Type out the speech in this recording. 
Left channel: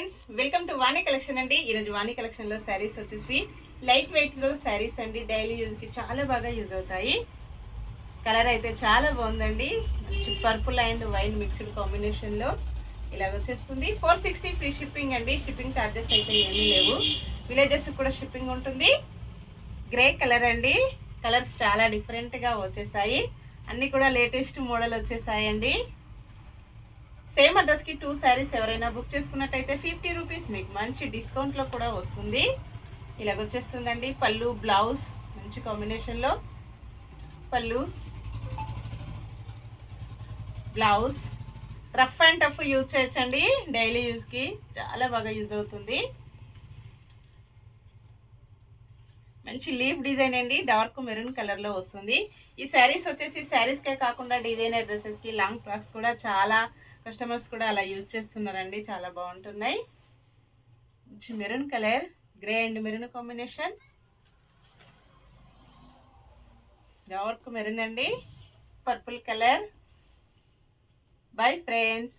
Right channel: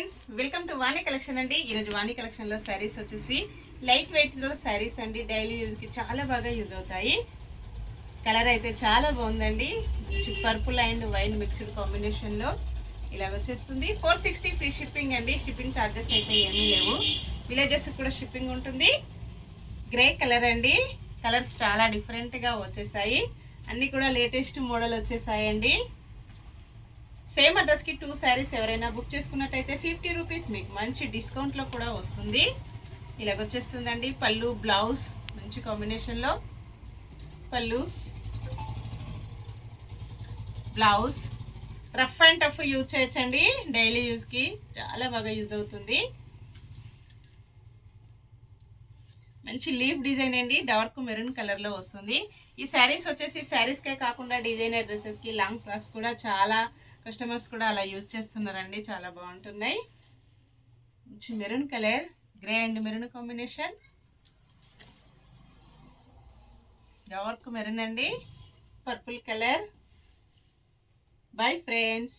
Friends, welcome to Vani collection అండి. ఈరోజు వాణి కలెక్షన్లో శారీస్ వచ్చేసి లైట్ వెయిట్లో శారీస్ అండి. డైలీ యూజ్కి చాలా బాగా యూజ్ అవుతాయి. కలర్ అయితే చాలా బాగుందండి. మంచి పర్పుల్ అండ్ వైన్ మిక్స్డ్ కాంబినేషన్లో ఇలాగ వచ్చేస్తుంది. 460 ఫ్రీ షిప్పింగ్ అండి. షిప్పింగ్ ఛార్జెస్ అయితే ఏమీ లేవు. విలేజెస్ కూడా షిప్పింగ్ ఉంటుంది. గ్రే కలర్ అండి. కలర్స్ చాలా డిఫరెంట్గా వచ్చేసాయి. అన్నీ కూడా లేటెస్ట్ మోడల్ వచ్చేసాయండి. సేమ్ అడ్రస్కి 2 శారీస్ ఎవరైనా బుక్ చేసుకున్నట్టయితే 50 రూపీస్ మీకు మంచి డిస్కౌంట్లో కూడా వస్తుంది. ఇలాగొచ్చేస్తుందండి. పళ్ళు, బ్లౌజ్ మంచి కాంబినేషన్లో పళ్ళు, blouse. Rough and tough use చేయొచ్చండి. డైలీ యూజ్కి చాలా బాగా యూజ్ అవుతుంది. మంచి లీఫ్ డిజైన్ అండి. డార్క్ మెరూన్ కలర్లో వస్తుంది. ఈ శారీస్ వచ్చేసి శారీస్కే కాకుండా డిజైనర్ డ్రెస్సెస్కి, లాంగ్ ఫ్రాక్స్ కూడా చాలా కస్టమర్స్ కూడా అలా యూజ్ చేస్తున్నారండి. చాలా బాగుంటున్నాయి. మంచి maroon colour, grey and maroon combination. Dark maroon అండి, పర్పుల్ కలర్. Bye friends.